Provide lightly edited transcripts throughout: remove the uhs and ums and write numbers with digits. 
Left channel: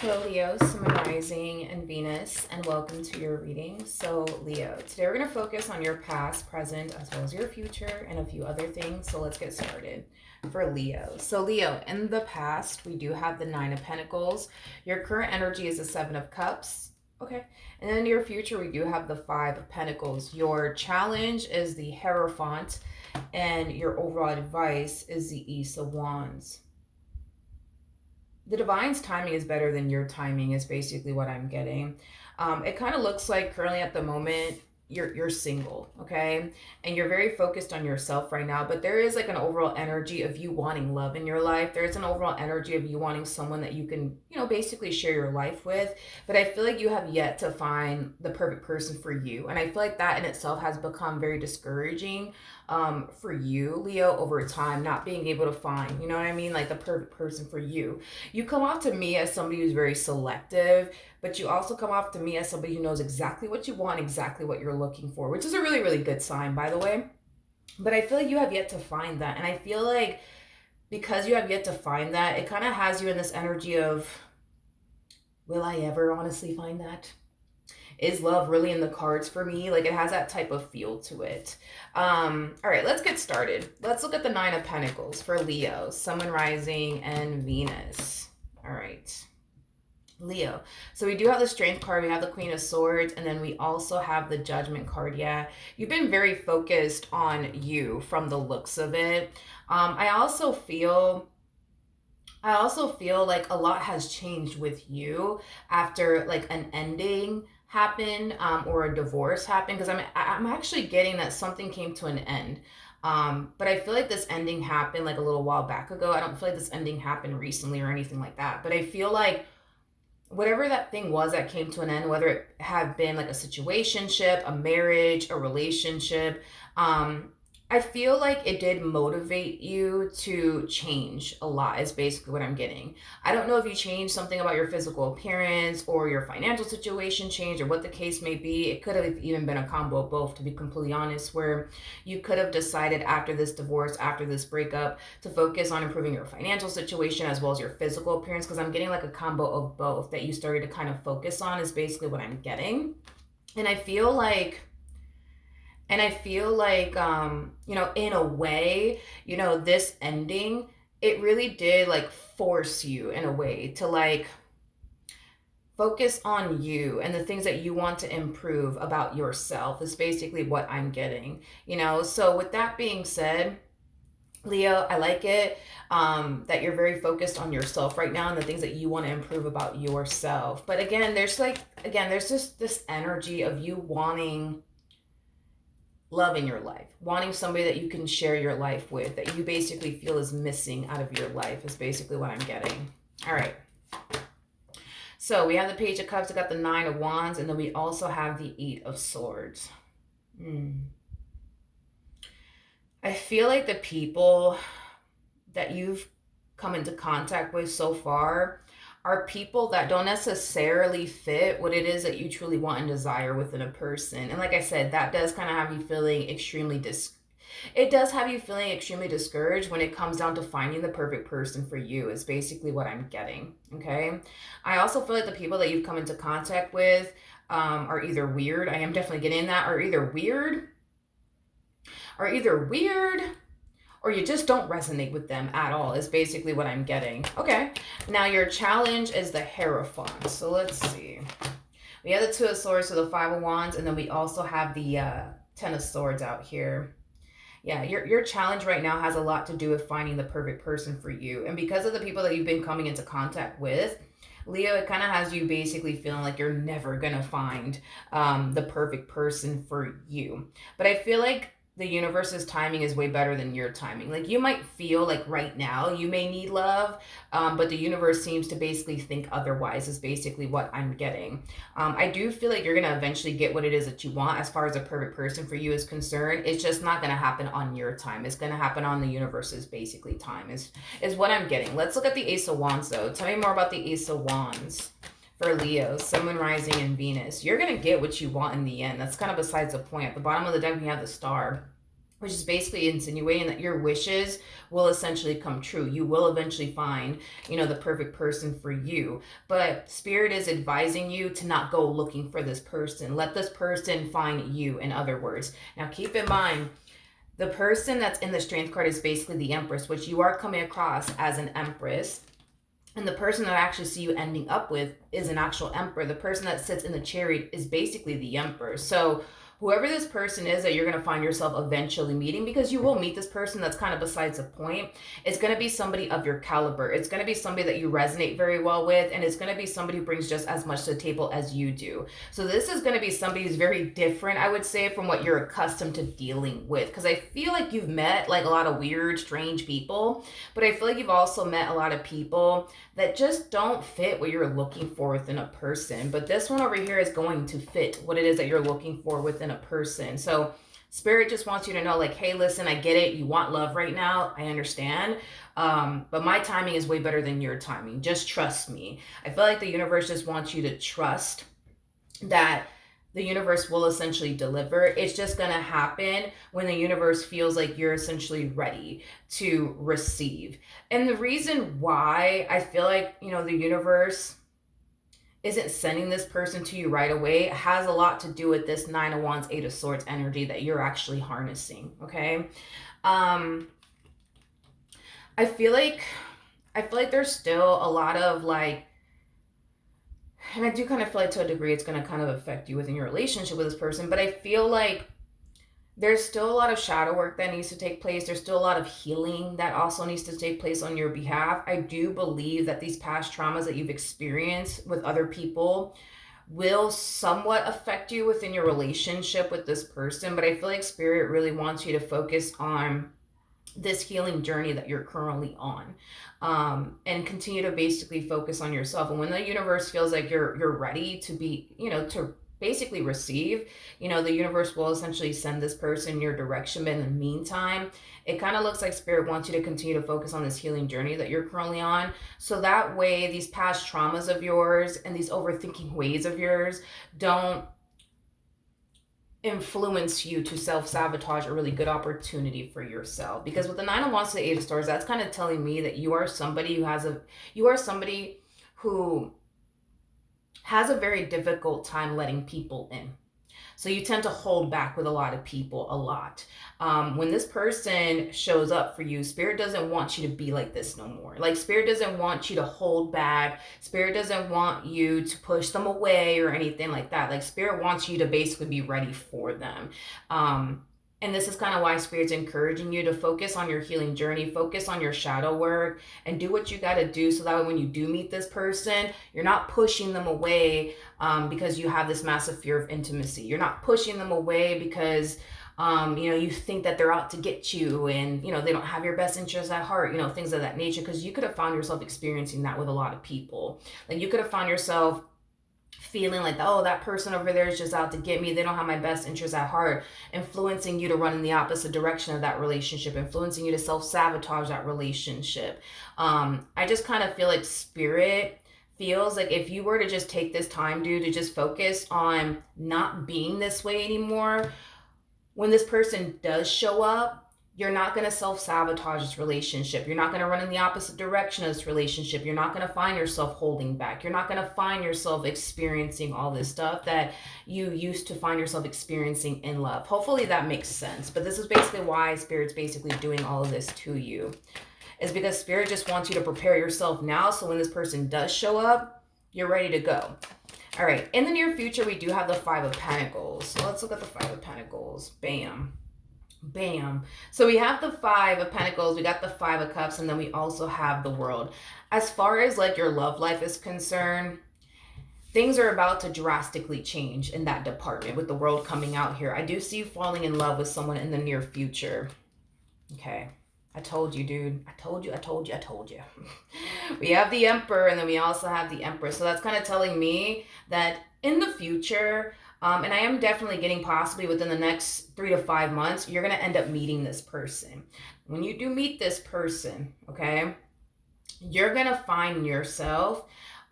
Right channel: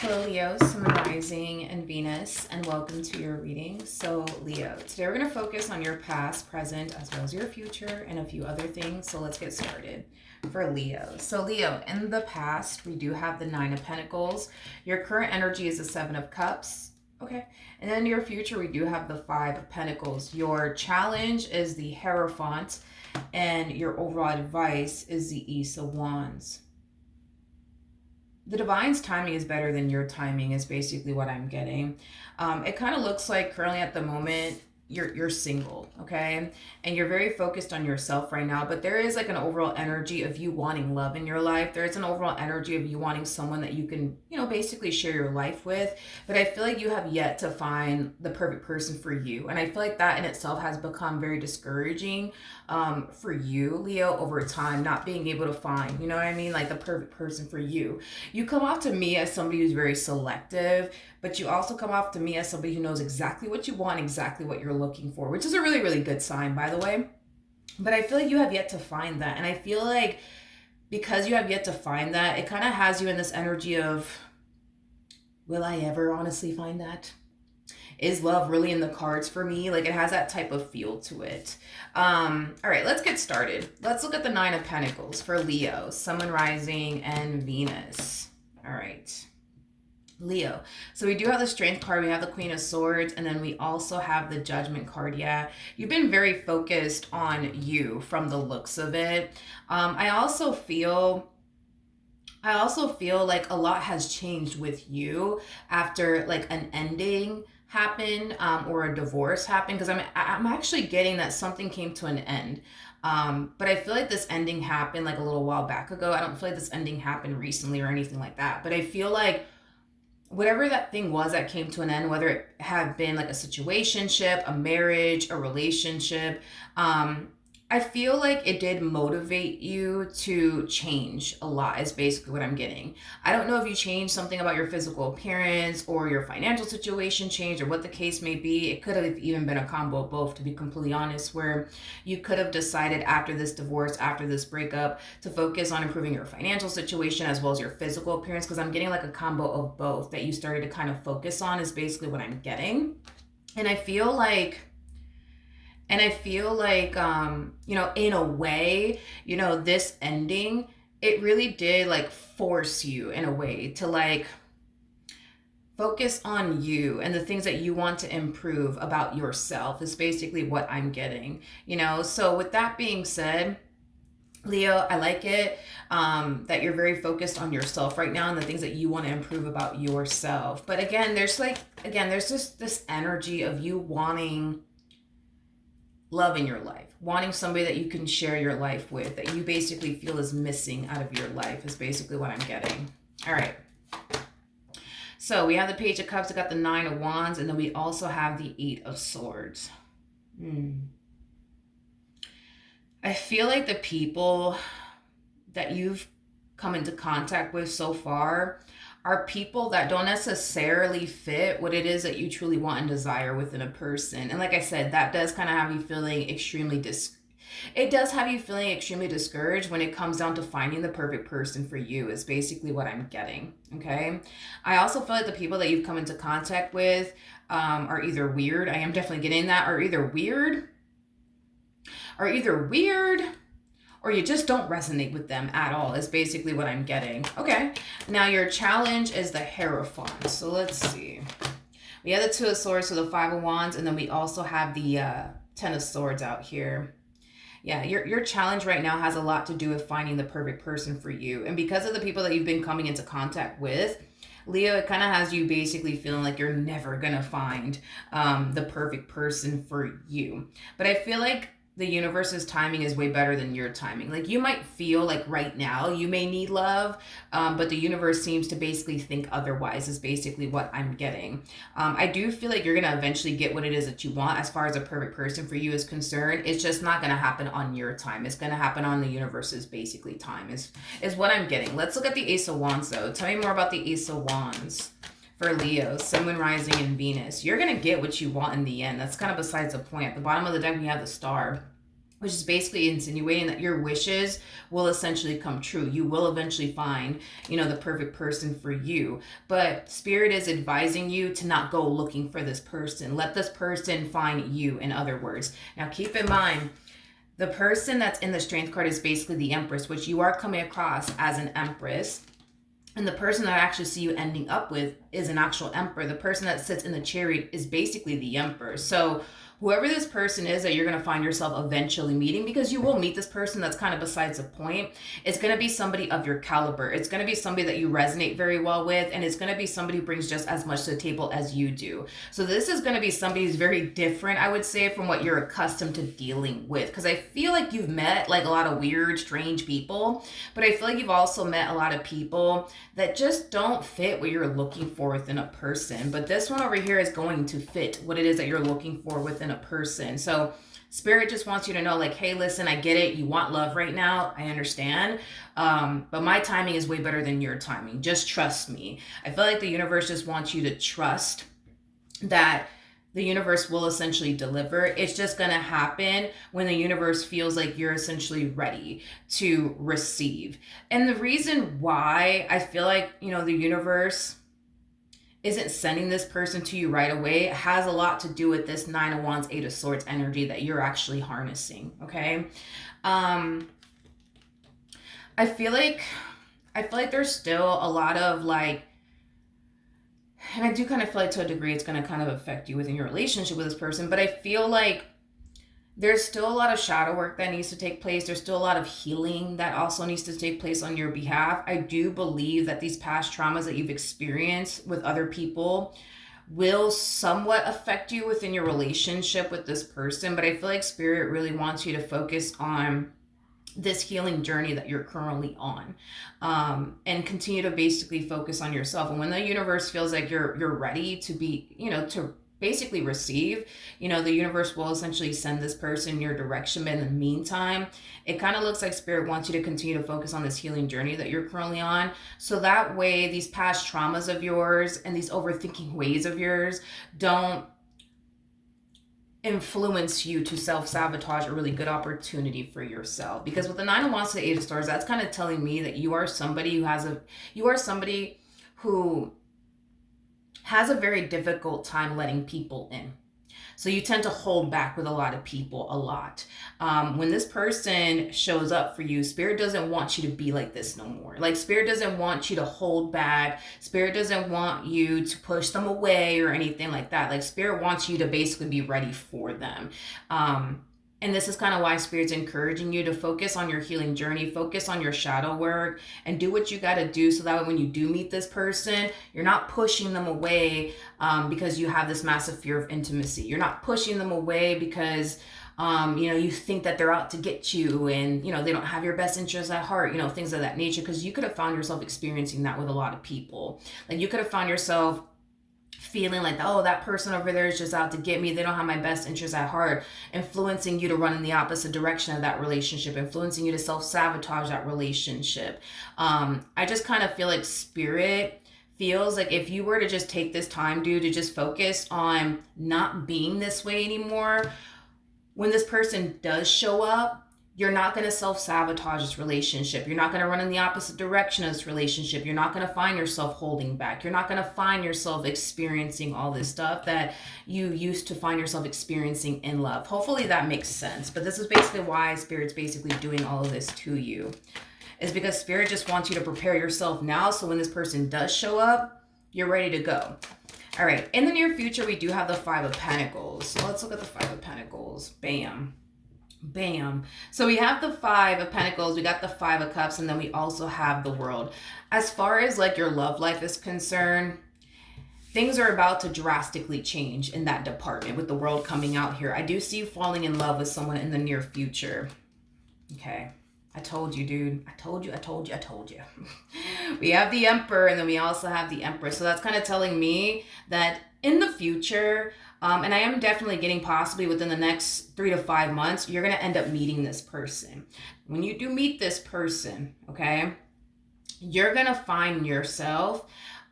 Hello, Leo, Sun Rising, and Venus, and welcome to your reading. So, Leo, today we're going to focus on your past, present, as well as your future, and a few other things. So, let's get started for Leo. So, Leo, in the past, we do have the Nine of Pentacles. Your current energy is the Seven of Cups. Okay. And then in your future, we do have the Five of Pentacles. Your challenge is the Hierophant, and your overall advice is the Ace of Wands. The divine's timing is better than your timing is basically what I'm getting. It kind of looks like currently at the moment you're single, okay, and you're very focused on yourself right now, but there is like an overall energy of you wanting love in your life. There's an overall energy of you wanting someone that you can, basically share your life with, but I feel like you have yet to find the perfect person for you, and I feel like that in itself has become very discouraging for you, Leo, over time, not being able to find, you know what I mean, like the perfect person for you. You come off to me as somebody who's very selective, but you also come off to me as somebody who knows exactly what you want, exactly what you're looking for, which is a really, really good sign, by the way. But I feel like you have yet to find that. And I feel like because you have yet to find that, it kind of has you in this energy of, will I ever honestly find that? Is love really in the cards for me? Like, it has that type of feel to it. All right, let's get started. Let's look at the Nine of Pentacles for Leo, Sun, Rising, and Venus. All right. Leo. So we do have the Strength card, we have the Queen of Swords, and then we also have the Judgment card. Yeah, you've been very focused on you from the looks of it. I also feel like a lot has changed with you after like an ending happened, or a divorce happened, because I'm actually getting that something came to an end. But I feel like this ending happened like a little while back ago. I don't feel like this ending happened recently or anything like that, but I feel like whatever that thing was that came to an end, whether it had been like a situationship, a marriage, a relationship, I feel like it did motivate you to change a lot, is basically what I'm getting. I don't know if you changed something about your physical appearance or your financial situation changed or what the case may be. It could have even been a combo of both, to be completely honest, where you could have decided after this divorce, after this breakup, to focus on improving your financial situation as well as your physical appearance, because I'm getting like a combo of both that you started to kind of focus on, is basically what I'm getting. And I feel like in a way, this ending, it really did like force you in a way to like focus on you and the things that you want to improve about yourself, is basically what I'm getting. So with that being said, Leo, I like it, that you're very focused on yourself right now and the things that you want to improve about yourself. But again, there's just this energy of you wanting love in your life, wanting somebody that you can share your life with, that you basically feel is missing out of your life, is basically what I'm getting. All right. So we have the Page of Cups, we got the Nine of Wands, and then we also have the Eight of Swords. I feel like the people that you've come into contact with so far are people that don't necessarily fit what it is that you truly want and desire within a person. And like I said, that does kind of have you feeling extremely discouraged when it comes down to finding the perfect person for you, is basically what I'm getting. Okay. I also feel like the people that you've come into contact with are either weird. I am definitely getting that, or either weird, or you just don't resonate with them at all, is basically what I'm getting. Okay, now your challenge is the Hierophant. So let's see. We have the Two of Swords, so the Five of Wands, and then we also have the Ten of Swords out here. Yeah, your challenge right now has a lot to do with finding the perfect person for you. And because of the people that you've been coming into contact with, Leo, it kind of has you basically feeling like you're never going to find the perfect person for you. But I feel like the universe's timing is way better than your timing. Like, you might feel like right now you may need love, but the universe seems to basically think otherwise, is basically what I'm getting. I do feel like you're going to eventually get what it is that you want as far as a perfect person for you is concerned. It's just not going to happen on your time. It's going to happen on the universe's basically time, is what I'm getting. Let's look at the Ace of Wands, though. Tell me more about the Ace of Wands for Leo, Sun, Rising, and Venus. You're going to get what you want in the end. That's kind of besides the point. At the bottom of the deck, we have the Star. which is basically insinuating that your wishes will essentially come true. You will eventually find, the perfect person for you. But Spirit is advising you to not go looking for this person. Let this person find you, in other words. Now, keep in mind, the person that's in the Strength card is basically the Empress, which you are coming across as an Empress. And the person that I actually see you ending up with is an actual Emperor. The person that sits in the Chariot is basically the Emperor. So whoever this person is that you're going to find yourself eventually meeting, because you will meet this person, that's kind of besides the point. It's going to be somebody of your caliber. It's going to be somebody that you resonate very well with, and it's going to be somebody who brings just as much to the table as you do. So this is going to be somebody who's very different, I would say, from what you're accustomed to dealing with, because I feel like you've met like a lot of weird, strange people, but I feel like you've also met a lot of people that just don't fit what you're looking for within a person. But this one over here is going to fit what it is that you're looking for within a person. So Spirit just wants you to know, like, hey, listen, I get it. You want love right now. I understand. But my timing is way better than your timing. Just trust me. I feel like the universe just wants you to trust that the universe will essentially deliver. It's just going to happen when the universe feels like you're essentially ready to receive. And the reason why I feel like, the universe isn't sending this person to you right away has a lot to do with this Nine of Wands, Eight of Swords energy that you're actually harnessing, okay? I feel like there's still a lot of like, and I do kind of feel like to a degree it's going to kind of affect you within your relationship with this person, but I feel like there's still a lot of shadow work that needs to take place. There's still a lot of healing that also needs to take place on your behalf. I do believe that these past traumas that you've experienced with other people will somewhat affect you within your relationship with this person, but I feel like Spirit really wants you to focus on this healing journey that you're currently on, and continue to basically focus on yourself. And when the universe feels like you're ready to be, to basically receive, the universe will essentially send this person your direction. But in the meantime, it kind of looks like Spirit wants you to continue to focus on this healing journey that you're currently on. So that way, these past traumas of yours and these overthinking ways of yours don't influence you to self-sabotage a really good opportunity for yourself. Because with the Nine of Wands to the Eight of Swords, that's kind of telling me that you are somebody who has a very difficult time letting people in. So you tend to hold back with a lot of people a lot. When this person shows up for you, Spirit doesn't want you to be like this no more. Like, Spirit doesn't want you to hold back. Spirit doesn't want you to push them away or anything like that. Like, Spirit wants you to basically be ready for them. And this is kind of why Spirit's encouraging you to focus on your healing journey, focus on your shadow work, and do what you got to do so that way when you do meet this person, you're not pushing them away because you have this massive fear of intimacy. You're not pushing them away because you think that they're out to get you and, they don't have your best interests at heart, things of that nature. Because you could have found yourself experiencing that with a lot of people. Like, you could have found yourself feeling like, oh, that person over there is just out to get me. They don't have my best interests at heart, influencing you to run in the opposite direction of that relationship, influencing you to self-sabotage that relationship. I just kind of feel like Spirit feels like if you were to just take this time, dude, to just focus on not being this way anymore, when this person does show up, you're not going to self-sabotage this relationship. You're not going to run in the opposite direction of this relationship. You're not going to find yourself holding back. You're not going to find yourself experiencing all this stuff that you used to find yourself experiencing in love. Hopefully that makes sense. But this is basically why Spirit's basically doing all of this to you. Is because Spirit just wants you to prepare yourself now so when this person does show up, you're ready to go. All right. In the near future, we do have the Five of Pentacles. So let's look at the Five of Pentacles. Bam. Bam. So we have the Five of Pentacles, we got the Five of Cups, and then we also have the World. As far as like your love life is concerned, things are about to drastically change in that department with the World coming out here. I do see you falling in love with someone in the near future. Okay. I told you, dude. I told you. We have the Emperor, and then we also have the Empress. So that's kind of telling me that in the future, and I am definitely getting possibly within the next 3 to 5 months, you're going to end up meeting this person. When you do meet this person, okay, you're going to find yourself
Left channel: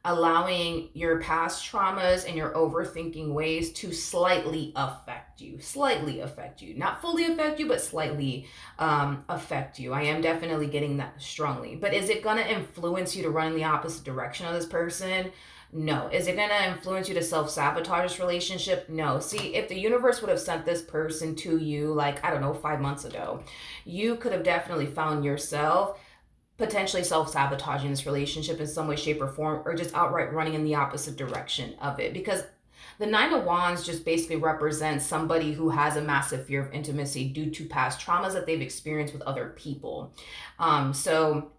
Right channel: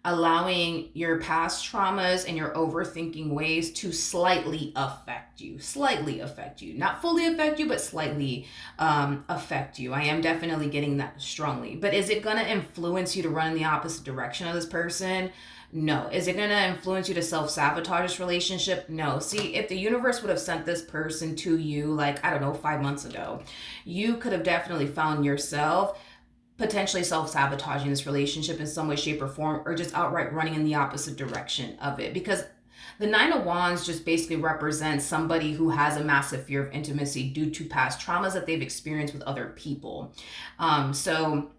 allowing your past traumas and your overthinking ways to slightly affect you. Slightly affect you. Not fully affect you, but slightly affect you. I am definitely getting that strongly. But is it going to influence you to run in the opposite direction of this person? No. Is it going to influence you to self-sabotage this relationship? No. See, if the universe would have sent this person to you, like, I don't know, 5 months ago, you could have definitely found yourself potentially self-sabotaging this relationship in some way, shape, or form, or just outright running in the opposite direction of it. Because the Nine of Wands just basically represents somebody who has a massive fear of intimacy due to past traumas that they've experienced with other people. So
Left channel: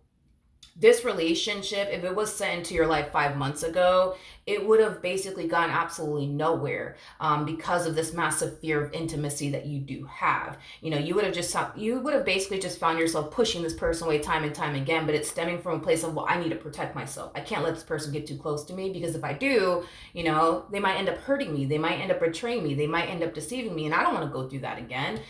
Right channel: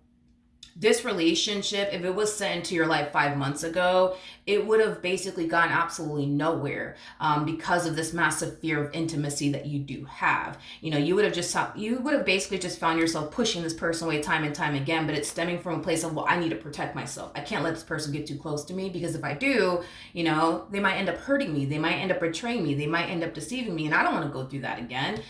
this relationship, if it was sent into your life 5 months ago, it would have basically gone absolutely nowhere because of this massive fear of intimacy that you do have. You would have basically just found yourself pushing this person away time and time again, but it's stemming from a place of, well, I need to protect myself. I can't let this person get too close to me, because if I do, they might end up hurting me. They might end up betraying me. They might end up deceiving me, and I don't want to go through that again.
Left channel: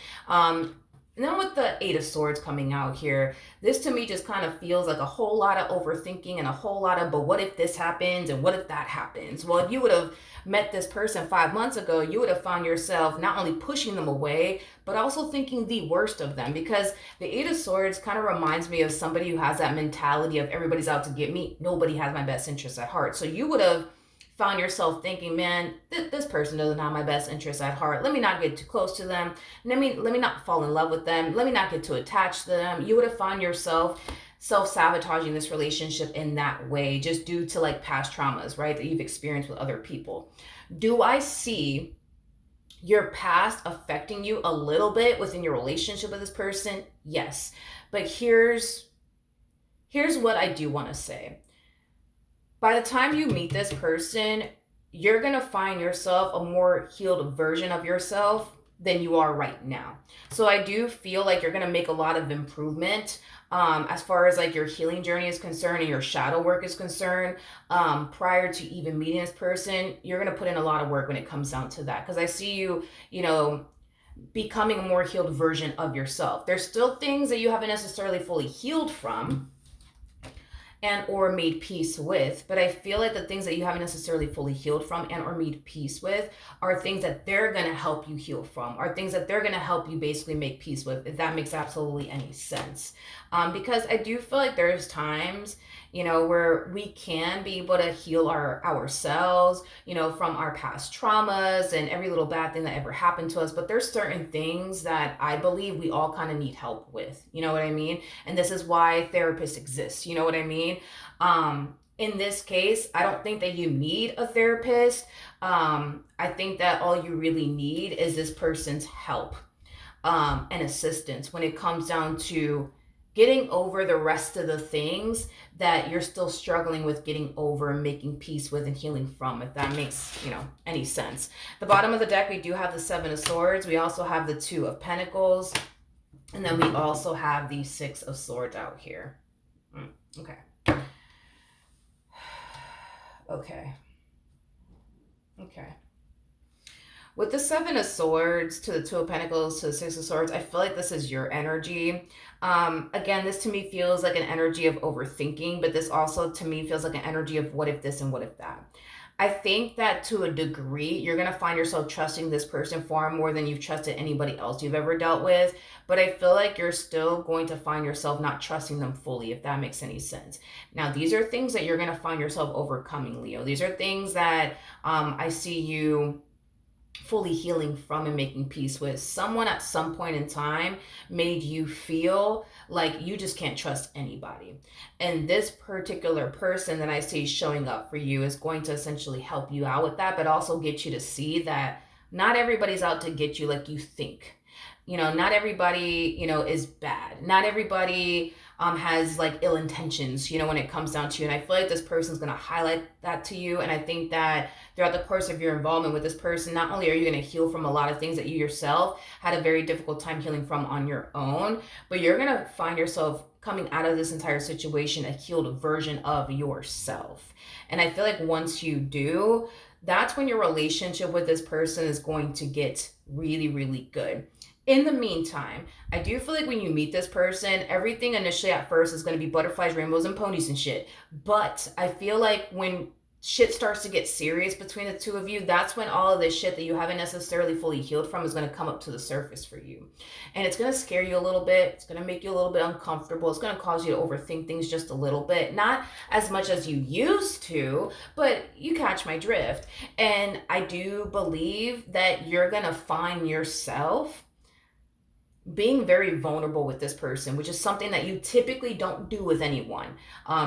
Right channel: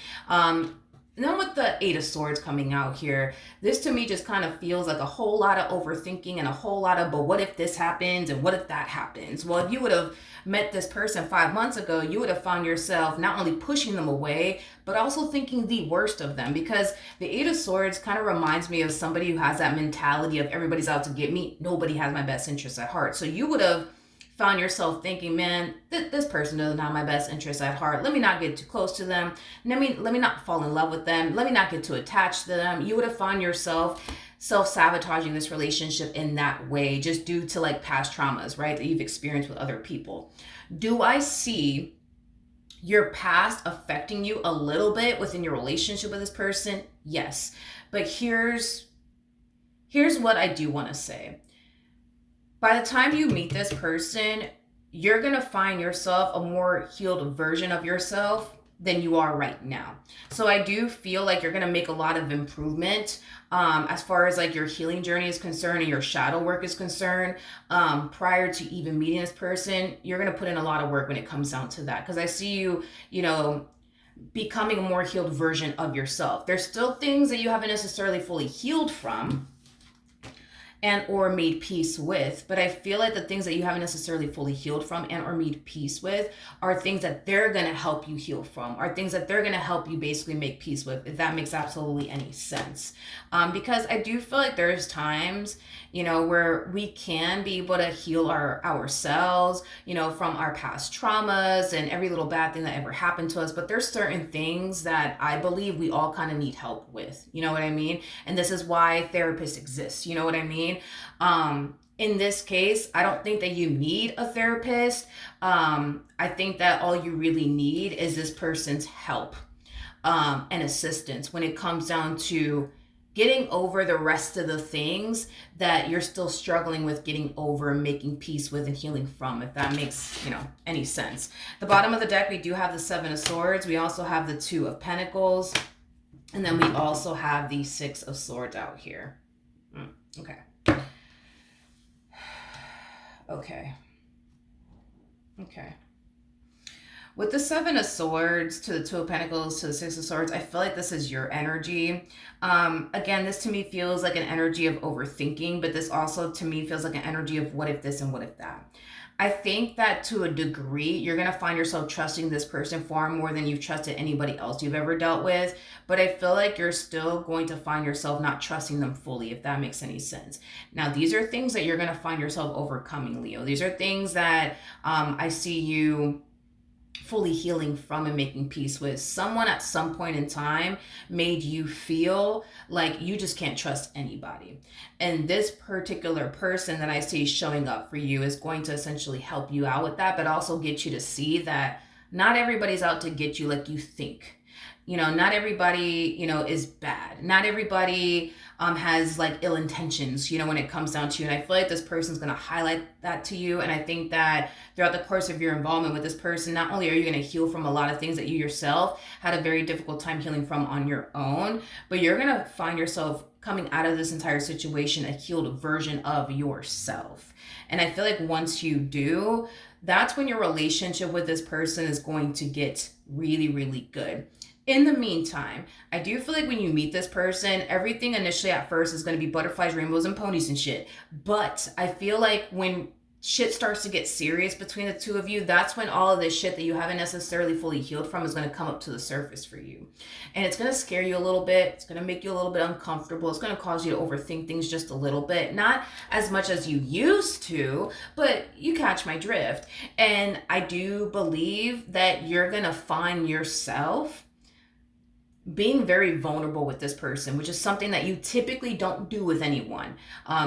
And then with the Eight of Swords coming out here, this to me just kind of feels like a whole lot of overthinking and a whole lot of, but what if this happens and what if that happens? Well, if you would have met this person 5 months ago, you would have found yourself not only pushing them away, but also thinking the worst of them, because the Eight of Swords kind of reminds me of somebody who has that mentality of everybody's out to get me. Nobody has my best interests at heart. So you would have found yourself thinking, man, this person doesn't have my best interests at heart. Let me not get too close to them. Let me not fall in love with them. Let me not get too attached to them. You would have found yourself self-sabotaging this relationship in that way, just due to like past traumas, right, that you've experienced with other people. Do I see your past affecting you a little bit within your relationship with this person? Yes. But here's what I do want to say. By the time you meet this person, you're going to find yourself a more healed version of yourself than you are right now. So I do feel like you're going to make a lot of improvement as far as like your healing journey is concerned and your shadow work is concerned. Prior to even meeting this person, you're going to put in a lot of work when it comes down to that. Because I see you, becoming a more healed version of yourself. There's still things that you haven't necessarily fully healed from and or made peace with, but I feel like the things that you haven't necessarily fully healed from and or made peace with are things that they're going to help you heal from, are things that they're going to help you basically make peace with, if that makes absolutely any sense. Because I do feel like there's times, where we can be able to heal ourselves, from our past traumas and every little bad thing that ever happened to us. But there's certain things that I believe we all kind of need help with. You know what I mean? And this is why therapists exist. You know what I mean? In this case, I don't think that you need a therapist. I think that all you really need is this person's help and assistance when it comes down to getting over the rest of the things that you're still struggling with getting over and making peace with and healing from, if that makes, any sense. The bottom of the deck, we do have the Seven of Swords. We also have the Two of Pentacles. And then we also have the Six of Swords out here. Okay. With the Seven of Swords to the Two of Pentacles to the Six of Swords, I feel like this is your energy. Again, this to me feels like an energy of overthinking, but this also to me feels like an energy of what if this and what if that. I think that to a degree, you're going to find yourself trusting this person far more than you've trusted anybody else you've ever dealt with. But I feel like you're still going to find yourself not trusting them fully, if that makes any sense. Now, these are things that you're going to find yourself overcoming, Leo. These are things that I see you fully healing from and making peace with. Someone at some point in time made you feel like you just can't trust anybody. And this particular person that I see showing up for you is going to essentially help you out with that, but also get you to see that not everybody's out to get you like you think. Not everybody, is bad. Not everybody has like ill intentions, when it comes down to you. And I feel like this person's going to highlight that to you. And I think that throughout the course of your involvement with this person, not only are you going to heal from a lot of things that you yourself had a very difficult time healing from on your own, but you're going to find yourself coming out of this entire situation a healed version of yourself. And I feel like once you do, that's when your relationship with this person is going to get really, really good. In the meantime, I do feel like when you meet this person, everything initially at first is going to be butterflies, rainbows, and ponies and shit. But I feel like when shit starts to get serious between the two of you, that's when all of this shit that you haven't necessarily fully healed from is going to come up to the surface for you. And it's going to scare you a little bit. It's going to make you a little bit uncomfortable. It's going to cause you to overthink things just a little bit. Not as much as you used to, but you catch my drift. And I do believe that you're going to find yourself being very vulnerable with this person, which is something that you typically don't do with anyone.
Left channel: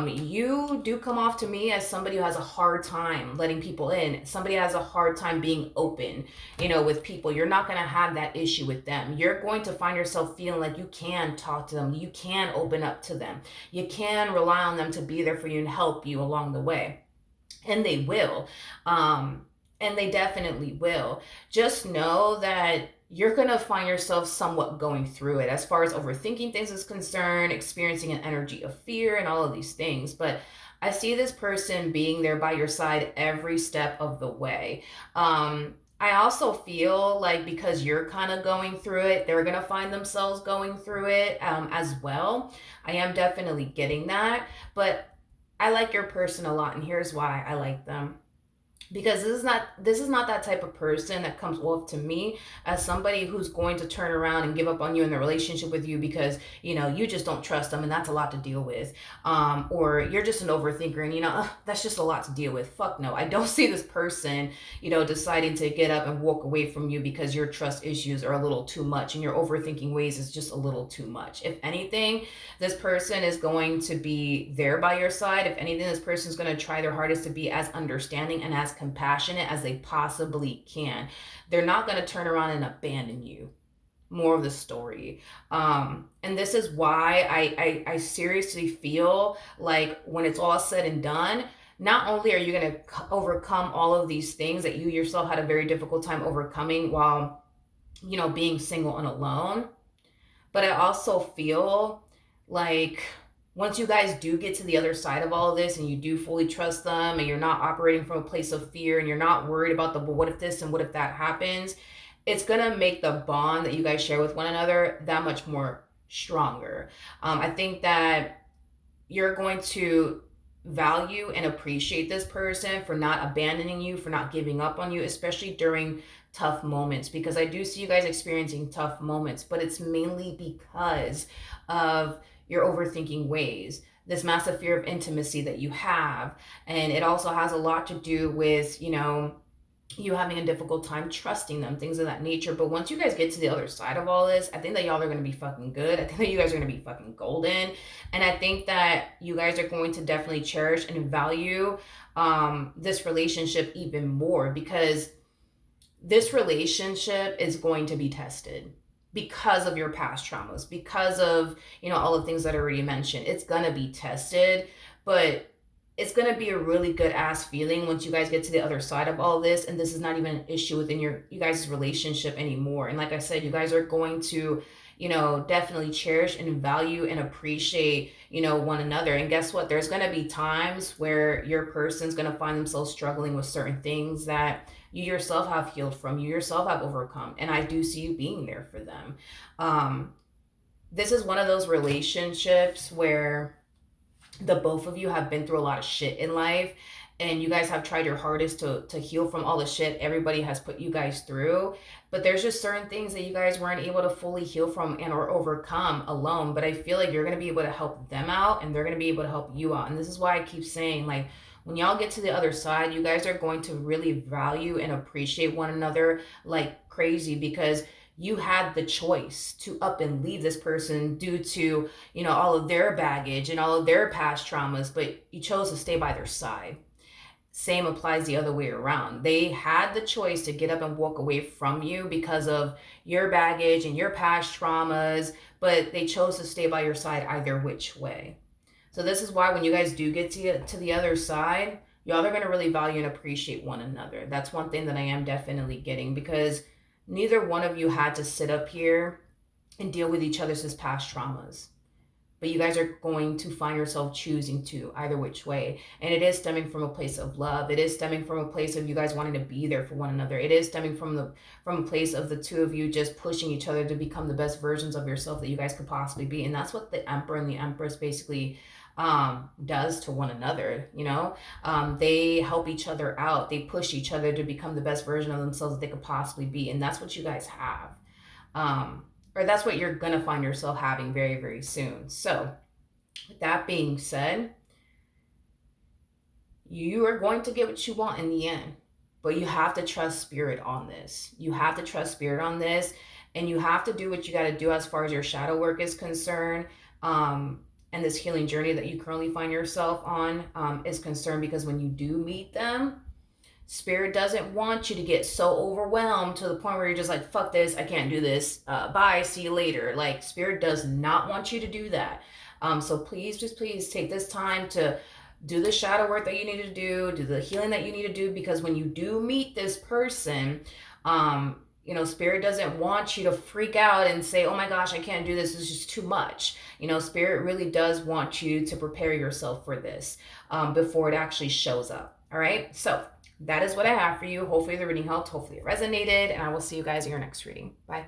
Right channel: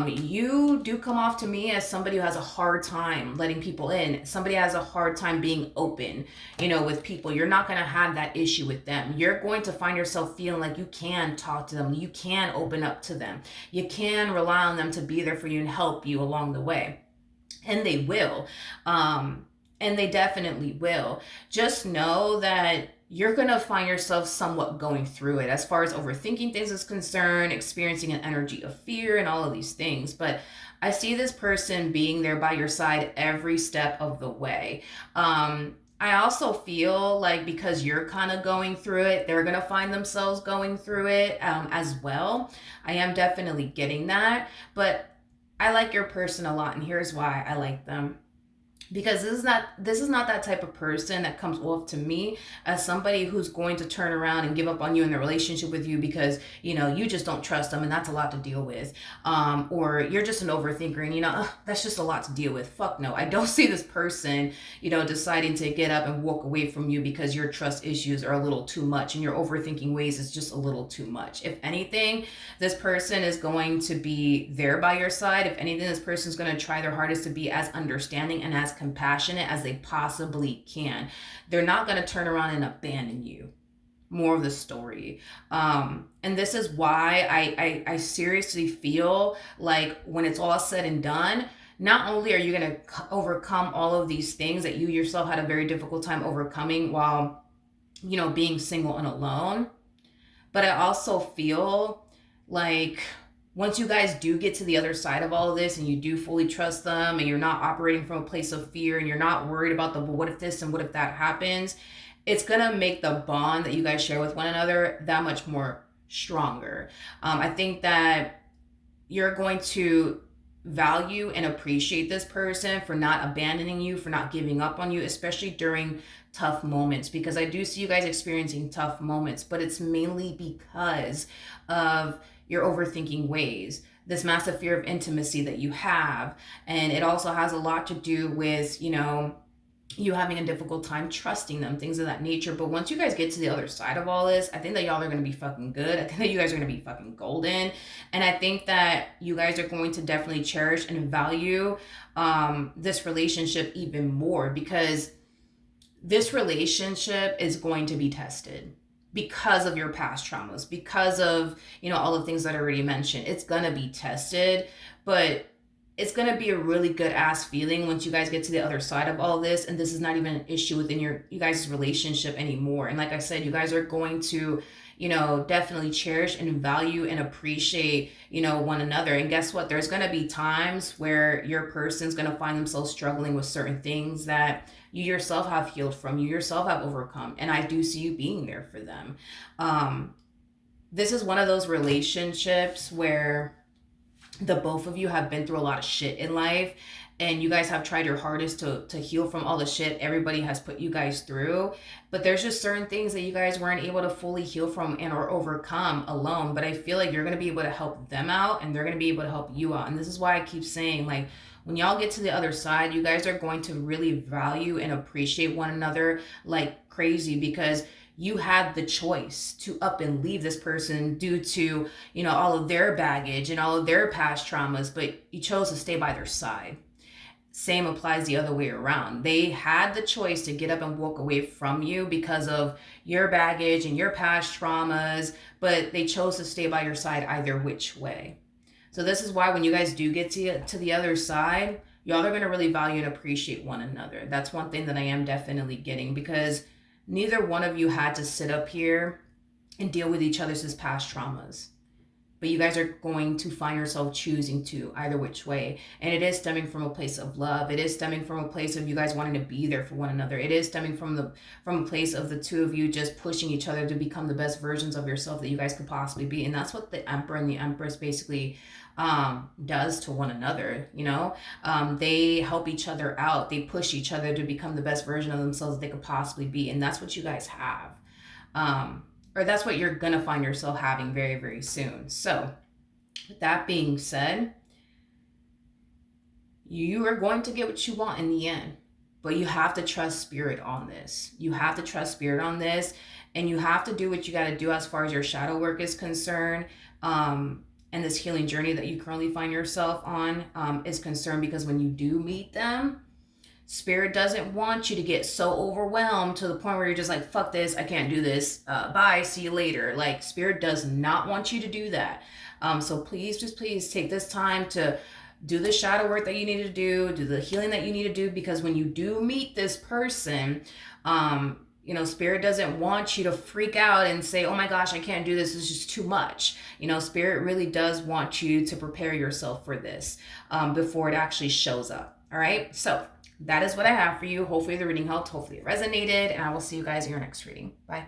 You do come off to me as somebody who has a hard time letting people in. Somebody has a hard time being open, with people. You're not going to have that issue with them. You're going to find yourself feeling like you can talk to them. You can open up to them. You can rely on them to be there for you and help you along the way. And they will. And they definitely will. Just know that you're going to find yourself somewhat going through it as far as overthinking things is concerned, experiencing an energy of fear and all of these things. But I see this person being there by your side every step of the way. I also feel like because you're kind of going through it, they're going to find themselves going through it as well. I am definitely getting that. But I like your person a lot, and here's why I like them. Because this is not that type of person that comes off to me as somebody who's going to turn around and give up on you in the relationship with you because you just don't trust them, and that's a lot to deal with, or you're just an overthinker and that's just a lot to deal with. Fuck no. I don't see this person deciding to get up and walk away from you because your trust issues are a little too much and your overthinking ways is just a little too much. If anything, this person is going to be there by your side. If anything, this person is going to try their hardest to be as understanding and as compassionate as they possibly can. They're not going to turn around and abandon you. More of the story. And this is why I seriously feel like when it's all said and done, not only are you going to overcome all of these things that you yourself had a very difficult time overcoming while, being single and alone, but I also feel like once you guys do get to the other side of all of this and you do fully trust them and you're not operating from a place of fear and you're not worried about the what if this and what if that happens, it's going to make the bond that you guys share with one another that much more stronger. I think that you're going to value and appreciate this person for not abandoning you, for not giving up on you, especially during tough moments, because I do see you guys experiencing tough moments, but it's mainly because of your overthinking ways, this massive fear of intimacy that you have. And it also has a lot to do with, you having a difficult time trusting them, things of that nature. But once you guys get to the other side of all this, I think that y'all are going to be fucking good. I think that you guys are going to be fucking golden. And I think that you guys are going to definitely cherish and value this relationship even more, because this relationship is going to be tested because of your past traumas, because of, all the things that I already mentioned. It's going to be tested, but it's going to be a really good ass feeling once you guys get to the other side of all this. And this is not even an issue within you guys' relationship anymore. And like I said, you guys are going to, definitely cherish and value and appreciate, one another. And guess what? There's going to be times where your person's going to find themselves struggling with certain things that you yourself have healed from, you yourself have overcome. And I do see you being there for them. This is one of those relationships where the both of you have been through a lot of shit in life, and you guys have tried your hardest to heal from all the shit everybody has put you guys through. But there's just certain things that you guys weren't able to fully heal from and or overcome alone. But I feel like you're going to be able to help them out, and they're going to be able to help you out. And this is why I keep saying, like, when y'all get to the other side, you guys are going to really value and appreciate one another like crazy, because you had the choice to up and leave this person due to, all of their baggage and all of their past traumas, but you chose to stay by their side. Same applies the other way around. They had the choice to get up and walk away from you because of your baggage and your past traumas, but they chose to stay by your side either which way. So this is why when you guys do get to the other side, y'all are going to really value and appreciate one another. That's one thing that I am definitely getting, because neither one of you had to sit up here and deal with each other's past traumas. But you guys are going to find yourself choosing to either which way. And it is stemming from a place of love. It is stemming from a place of you guys wanting to be there for one another. It is stemming from a place of the two of you just pushing each other to become the best versions of yourself that you guys could possibly be. And that's what the Emperor and the Empress basically does to one another. They help each other out, they push each other to become the best version of themselves that they could possibly be, and that's what you guys have. Or that's what you're gonna find yourself having very, very soon. So with that being said, you are going to get what you want in the end, but you have to trust spirit on this. You have to trust spirit on this, and you have to do what you got to do as far as your shadow work is concerned, and this healing journey that you currently find yourself on is concerned, because when you do meet them, spirit doesn't want you to get so overwhelmed to the point where you're just like, fuck this, I can't do this, bye, see you later. Like, spirit does not want you to do that. So please, just please take this time to do the shadow work that you need to do the healing that you need to do, because when you do meet this person, spirit doesn't want you to freak out and say, oh my gosh, I can't do this, it's just too much. Spirit really does want you to prepare yourself for this before it actually shows up. All right, so that is what I have for you. Hopefully the reading helped, hopefully it resonated, and I will see you guys in your next reading. Bye.